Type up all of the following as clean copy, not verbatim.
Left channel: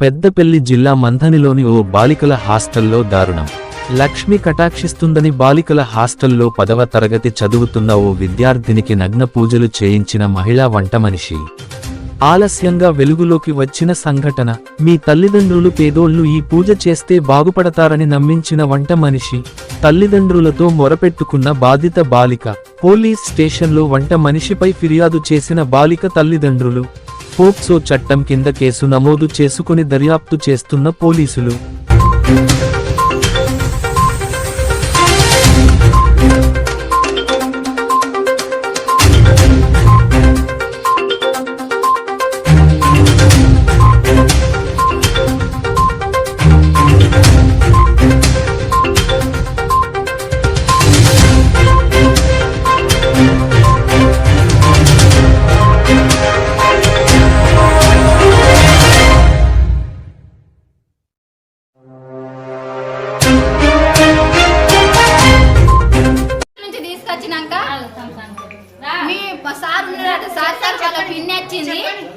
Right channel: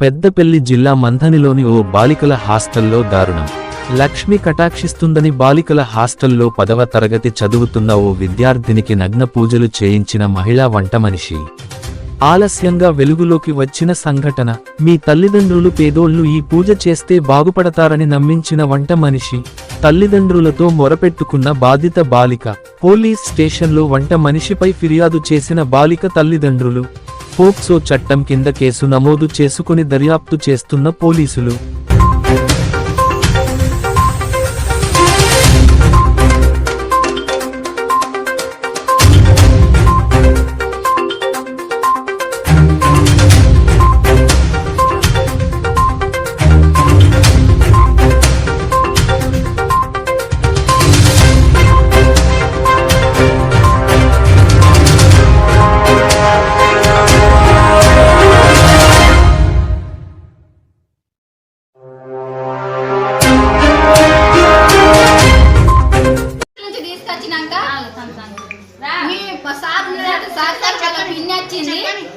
పెద్దపల్లి జిల్లా మంథనిలోని ఓ బాలికల హాస్టల్లో దారుణం. లక్ష్మి కటాక్షిస్తుందని బాలికల హాస్టల్లో 10వ తరగతి చదువుతున్న ఓ విద్యార్థినికి నగ్న పూజలు చేయించిన మహిళా వంటమనిషి ఆలస్యంగా వెలుగులోకి వచ్చిన సంఘటన. మీ తల్లిదండ్రులు పేదోళ్లు ఈ పూజ చేస్తే బాగుపడతారని నమ్మించిన వంటమనిషి తల్లిదండ్రులతో మొరపెట్టుకున్న బాధిత బాలిక. పోలీస్ స్టేషన్లో వంట మనిషిపై ఫిర్యాదు చేసిన బాలిక తల్లిదండ్రులు. పోక్సో చట్టం కింద కేసు నమోదు చేసుకుని దర్యాప్తు చేస్తున్న పోలీసులు.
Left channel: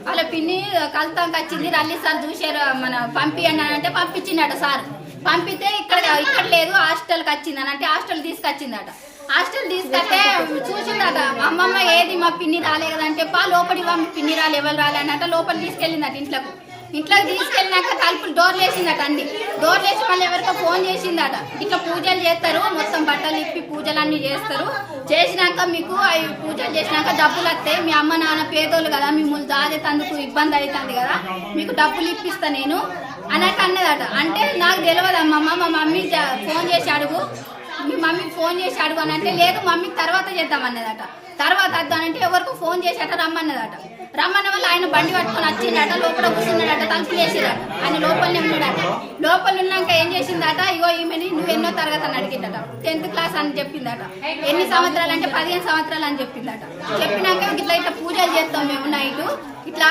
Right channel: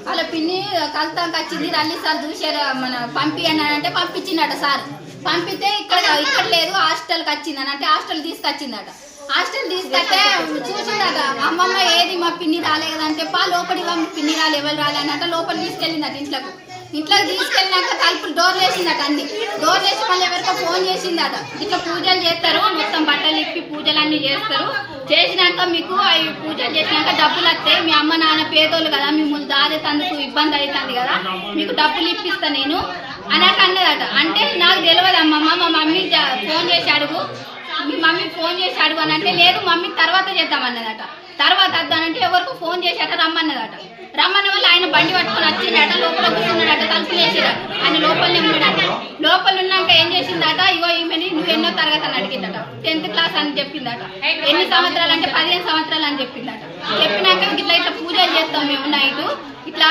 వాళ్ళ పిన్ని కలుతానికి వచ్చింది. రల్లి సార్ చూసారు మన పంపి అంటే పంపించిందట సార్. పంపితే ఇక్కడ లేదు హాస్టల్కి వచ్చింది అని అంటే హాస్టల్ తీసుకొచ్చిందట. హాస్టల్ తీసుకొస్తే చూసిందట అమ్మమ్మ ఏది మా పిన్ని రాలే కదంటే లోపలికి మీ పిన్ని రాలే ఎవరు రాలే అని అంటే లోపల తీసుకెళ్ళిందట. ఇంట్లోకి తీసుకెళ్ళినాక తలుపులు డోర్లు వేసిందట. అన్ని డోర్లు వేసి మళ్ళీ ఎవరికో ఫోన్ చేసిందట. ఇట్లా పూజలు చేస్తారు, మొత్తం బట్టలు ఇప్పి పూజలు అన్ని చేస్తారు. చేసినాక మీకు అవి పూజలు చేసినాక డబ్బులు వస్తాయి. మీ అమ్మ నాన్న పేదోళ్ళు కదా, మిమ్మల్ని దాచేందుకు ఇబ్బంది అవుతుంది కదా, మీకు డబ్బులు ఇప్పిస్తా నేను అన్నట్టు అన్నదట. అంటే నాకు తెలియదు అమ్మమ్మ, మా మమ్మీ ఫోన్ చేసి అడుగు, మీ మమ్మీ ఫోన్ చేసి అడుగు అని అంటే లేదు మమ్మీ తర్వాత చేద్దామన్నదట. తర్వాత వద్దానంటే ఎవరికో ఫోన్ చేసి అట రమ్మన్నదట. రమ్మన్న వల్ల ఆయన బండి పట్టుకొని వచ్చిందట. లోపల కూర్చున్నాడట, తలుపులు వేసిరట. ఆయన లోపలనే ఉన్నాడట. లోపల ఉన్నాక ఏం చేసిందట, ఇగో ఈమెని నువ్వు ఎన్నో తరగతి అని అడిగిందట. 10th క్లాస్ అని చెప్పిందట. ఎన్ని సంవత్సరాలు అంటే 15 సంవత్సరాలు అని చెప్పిందట. చెప్పినాక ఇట్లా పూజలు చేస్తాం మేము నైట్, ఇట్లా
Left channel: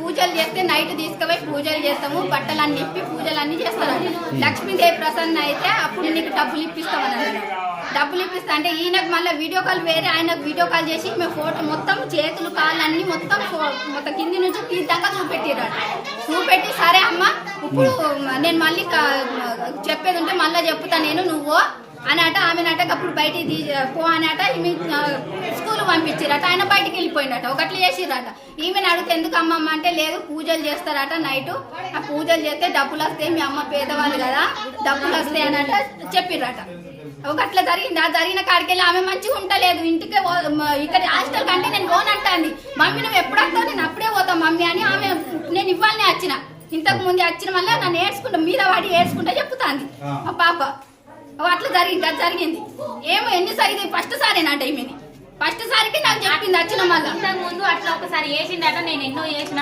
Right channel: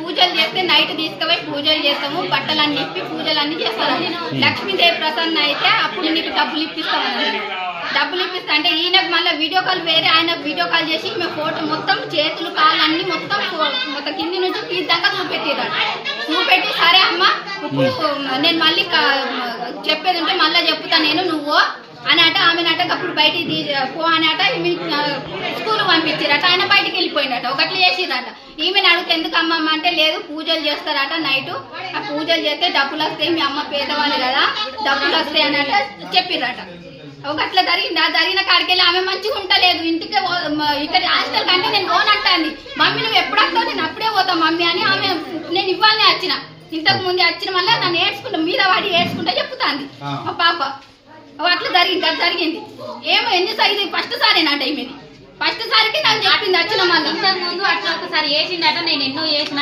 పూజలు చేస్తే నైట్ తీసుకుపోయి పూజలు చేస్తాము, బట్టలన్నీ చెప్పి పూజలన్నీ చేస్తారని. లక్ష్మీదేవి ప్రసన్న అయితే అప్పుడు నీకు డబ్బులు ఇప్పిస్తామని. డబ్బులు ఇప్పిస్తా అంటే ఈయనకు మళ్ళీ వీడియో కాల్ వేరే ఆయనకు వీడియో కాల్ చేసి మేము ఫోటో మొత్తం చేతులు కాళ్ళు అన్ని మొత్తం కింది నుంచి తీద్దాకా చూపెట్టి సరే అమ్మ ఇప్పుడు నేను మళ్ళీ చెప్పేది ఉంటే మళ్ళీ చెప్తా నేను నువ్వు అని అట. ఆమెనట అప్పుడు బయటికి పో అని అట. స్కూల్ పంపించారట. ఆయన బయటికి వెళ్ళిపోయిందట. ఒకట్లు చేసిరట. ఈమెను అడిగితే ఎందుకు అమ్మమ్మ అంటే లేదు పూజలు చేస్తారట నైట్, ఆ పూజలు చేస్తే డబ్బులు వస్తాయి, మీ అమ్మ పేదవాళ్ళు కదా డబ్బులు వస్తాయి అని అట చెప్పిరట. ఒకట్లా జరిగింది. ఆ జరిగిన కాడికి వెళ్ళి ఆమె మంచిగా ఉంటలేదు. ఇంటికి ఇక్కడ హాస్టల్ కంటే నేను పోను అంటాంది. మమ్మీ నువ్వు ఎప్పుడు వస్తావు, నేను అప్పుడే పోతావు మమ్మీ అని ఆమె నేను ఇవ్వాలని వచ్చిన. ఇంతకు ముందు వచ్చిన వల్ల నన్ను ఏడ్చుకుంటా మీద వాడి ఏడ్చుకుంటా చెప్తాంది మా పాప. అట్లా జరిగింది. అది జరిగింది ఏమో ఎన్నిసారి ఫస్ట్ సారేనంట. ఈమెది ఫస్ట్ సారికి నాకు చెప్పింది వచ్చిన మళ్ళీ. ముందు అట్లా ఒకసారి వేసిండట, నేను ఎన్నో చేసిన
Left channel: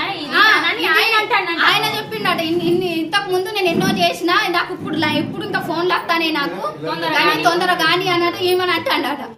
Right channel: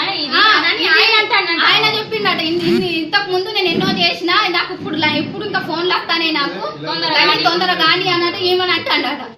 ఆయన చెప్పిండట. ఇంతకు ముందు నేను ఎన్నో చేసిన, నాకు ఇప్పుడు ఇంకా ఫోన్లు వస్తానే నాకు తొందరగా కానీ అన్నట్టు ఏమని అంటాడట.